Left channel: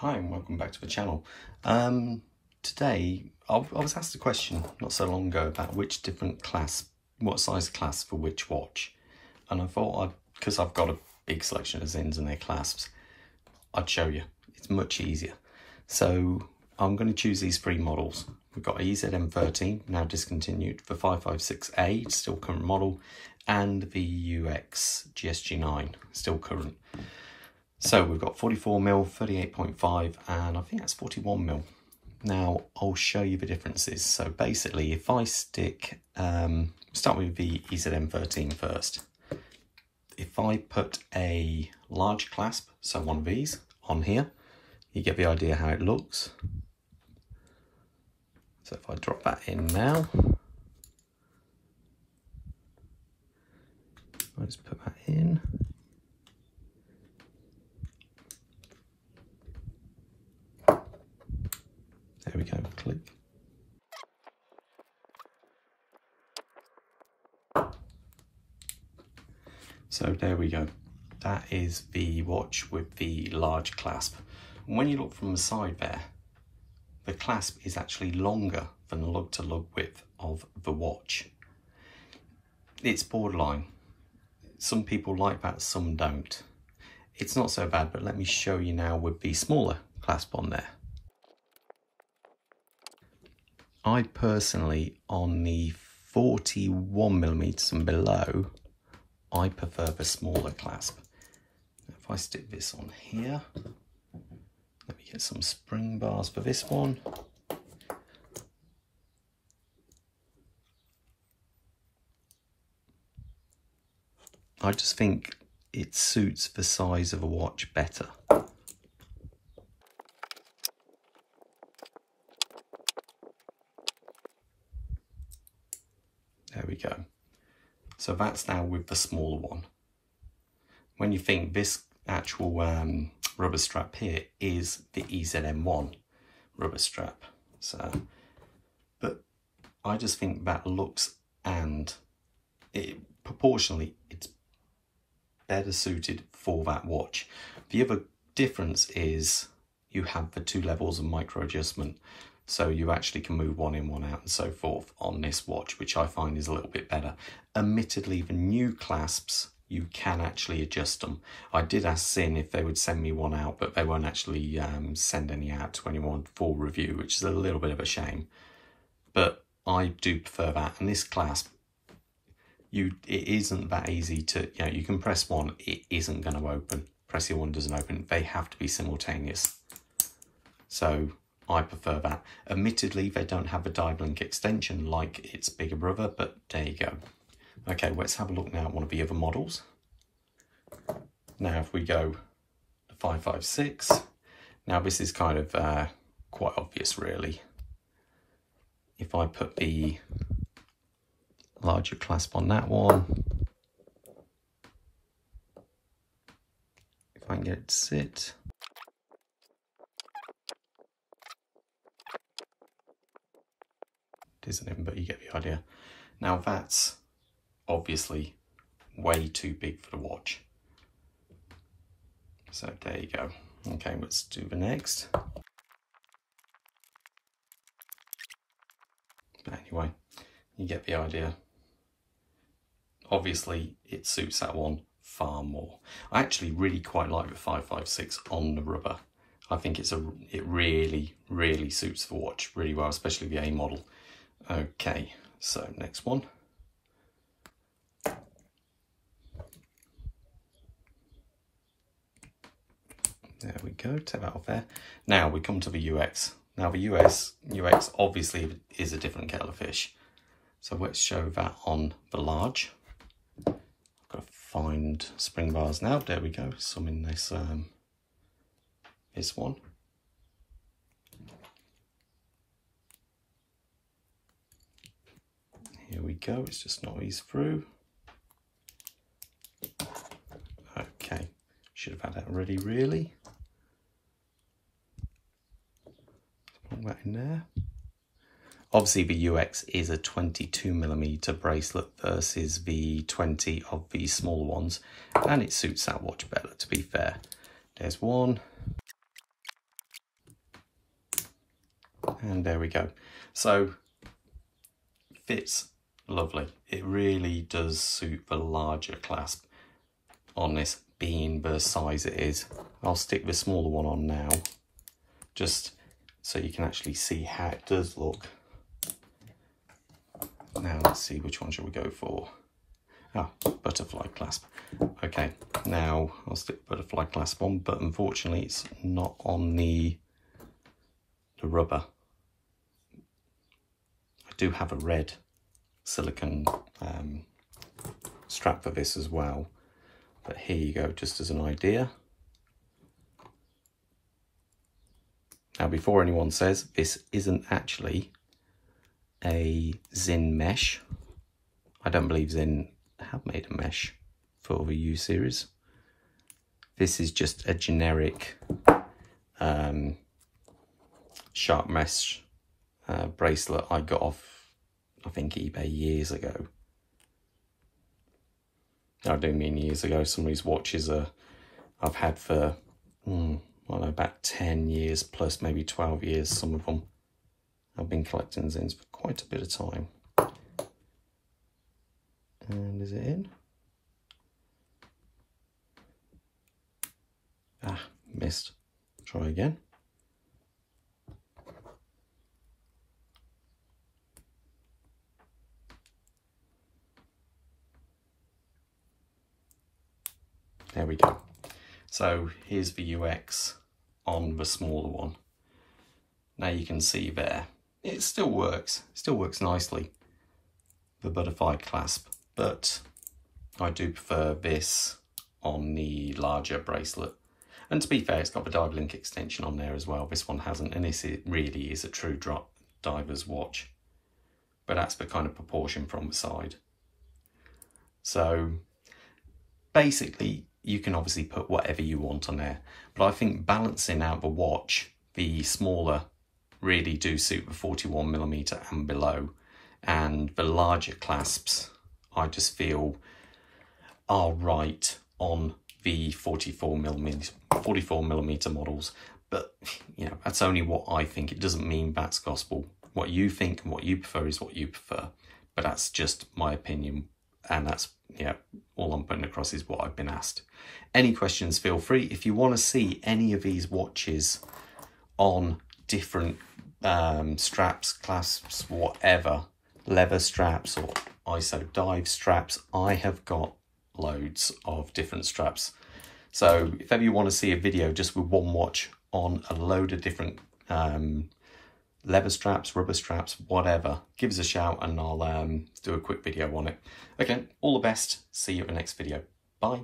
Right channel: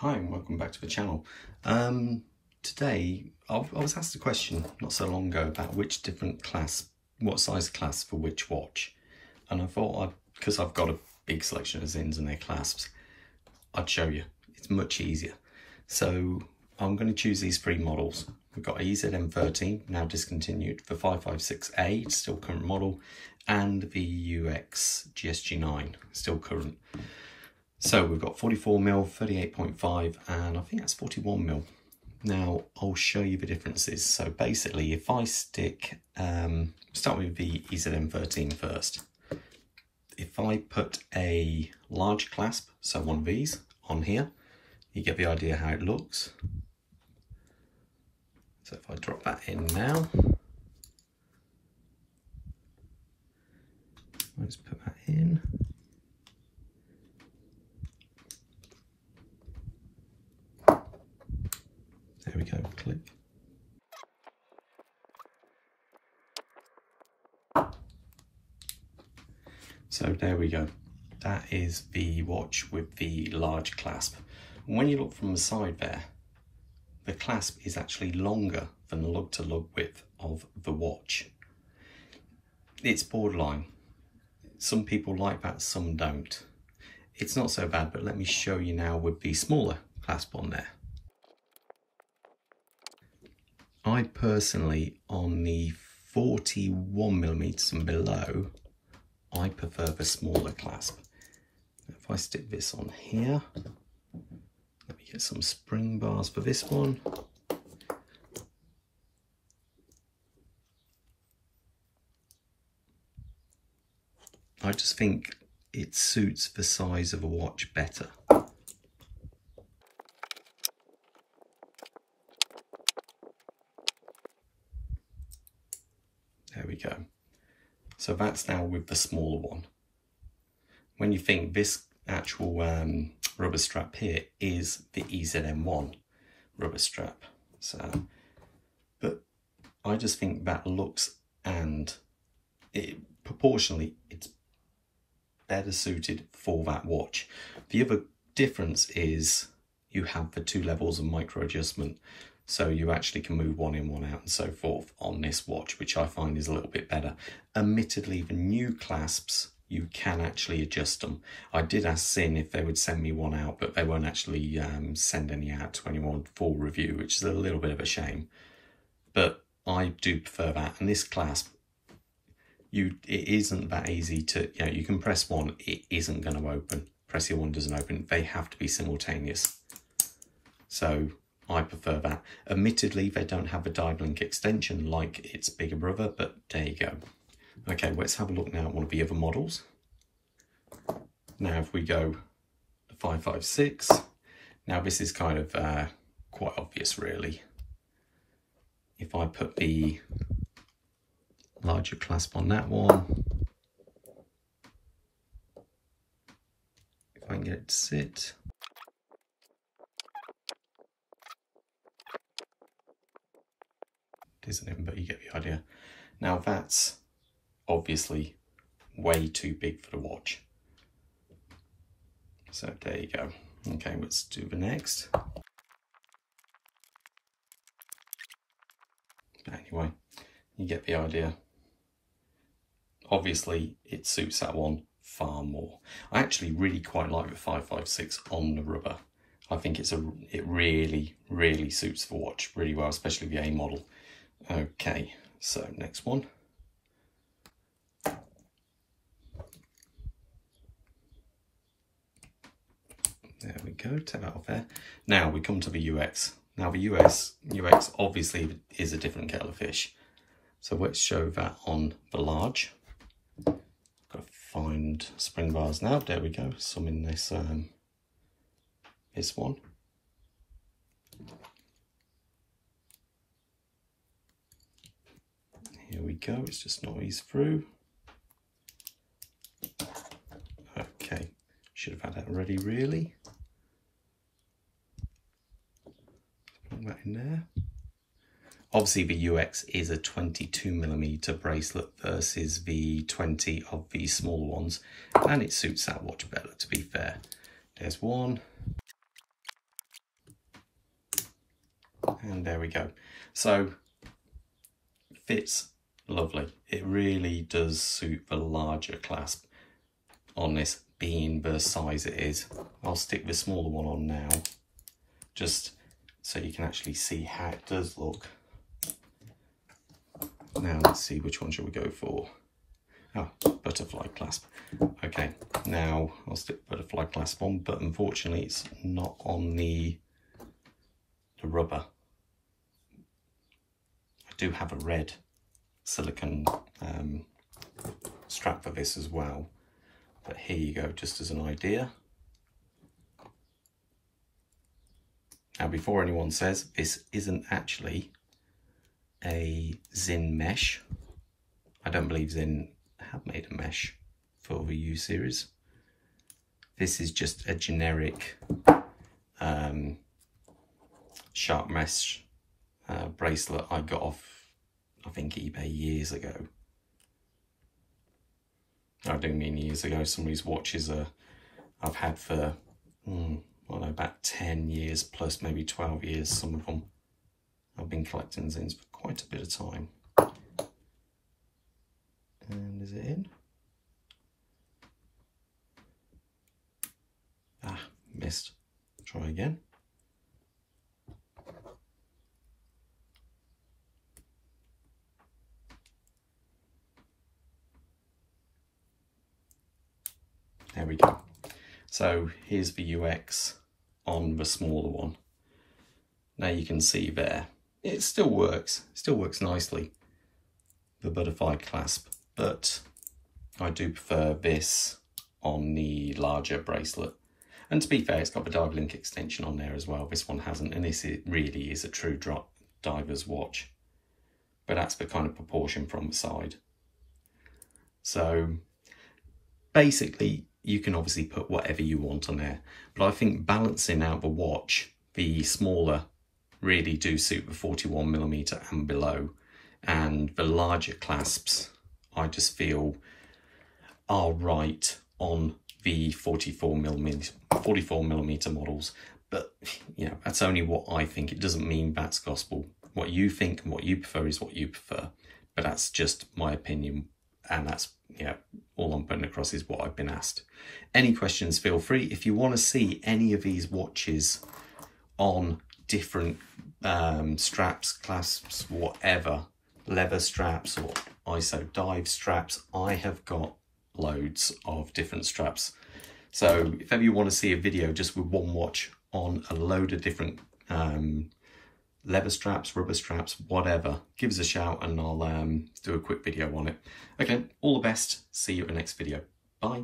Hi and welcome back to the channel. Today I was asked a question not so long ago about which different clasp, what size clasp for which watch, and I thought because I've got a big selection of Sinns and their clasps, I'd show you. It's much easier. So I'm going to choose these three models. We've got EZM13, now discontinued, the 556A, it's still current model, and the UX GSG9, still current. So we've got 44mm, 38.5, and I think that's 41mm. Now I'll show you the differences. So basically, if I stick, start with the EZM13 first. If I put a large clasp, so one of these, on here, you get the idea how it looks. So if I drop that in now, let's put that in. There we go, click. So there we go. That is the watch with the large clasp. And when you look from the side there, the clasp is actually longer than the lug-to-lug width of the watch. It's borderline. Some people like that, some don't. It's not so bad, but let me show you now with the smaller clasp on there. I personally, on the 41mm and below, I prefer the smaller clasp. If I stick this on here, let me get some spring bars for this one. I just think it suits the size of a watch better. There we go. So that's now with the smaller one. When you think this actual rubber strap here is the EZM1 rubber strap. So, but I just think that looks and proportionally it's better suited for that watch. The other difference is you have the two levels of micro adjustment. So you actually can move one in, one out and so forth on this watch, which I find is a little bit better. Admittedly, the new clasps, you can actually adjust them. I did ask Sinn if they would send me one out, but they won't actually send any out to anyone for review, which is a little bit of a shame. But I do prefer that. And this clasp, it isn't that easy to, you can press one, it isn't going to open. Press the other one, doesn't open. They have to be simultaneous. So I prefer that. Admittedly, they don't have a dive link extension like its bigger brother, but there you go. Okay, let's have a look now at one of the other models. Now, if we go the 556, now this is kind of quite obvious, really. If I put the larger clasp on that one, if I can get it to sit. Isn't it? But you get the idea. Now that's obviously way too big for the watch. So there you go. Okay, let's do the next. Anyway, you get the idea. Obviously, it suits that one far more. I actually really quite like the 556 on the rubber. I think it really, really suits the watch really well, especially the A model. Okay, so next one. There we go, take that off there. Now we come to the UX. Now the UX obviously is a different kettle of fish. So let's show that on the large. I've got to find spring bars now. There we go, some in this, this one. Here we go, it's just not eased through. Okay, should have had that ready really. Put that in there. Obviously the UX is a 22mm bracelet versus the 20 of the smaller ones, and it suits that watch better, to be fair. There's one. And there we go. So fits lovely. It really does suit the larger clasp on this, being the size it is. I'll stick the smaller one on now, just so you can actually see how it does look. Now let's see, which one should we go for? Oh, butterfly clasp. Okay, now I'll stick butterfly clasp on, but unfortunately it's not on the rubber. I do have a red silicone strap for this as well, but here you go, just as an idea. Now, before anyone says, this isn't actually a Sinn mesh. I don't believe Sinn have made a mesh for the U series. This is just a generic sharp mesh bracelet I got off, I think, eBay years ago. I do mean years ago. Some of these watches I've had for, well, about 10 years plus, maybe 12 years, some of them. I've been collecting Sinns for quite a bit of time. And is it in? Ah, missed. Try again. There we go. So here's the UX on the smaller one. Now you can see there, it still works nicely, the butterfly clasp, but I do prefer this on the larger bracelet. And to be fair, it's got the dive link extension on there as well. This one hasn't, and this really is a true diver's watch. But that's the kind of proportion from the side. So basically, you can obviously put whatever you want on there, but I think balancing out the watch, the smaller really do suit the 41mm and below, and the larger clasps I just feel are right on the 44mm models. But you know, that's only what I think. It doesn't mean that's gospel. What you think and what you prefer is what you prefer, but that's just my opinion, and that's, yeah, all I'm putting across is what I've been asked. Any questions, feel free. If you want to see any of these watches on different straps, clasps, whatever, leather straps or ISO dive straps, I have got loads of different straps. So if ever you want to see a video just with one watch on a load of different leather straps, rubber straps, whatever, give us a shout and I'll do a quick video on it. Okay, all the best. See you at the next video. Bye.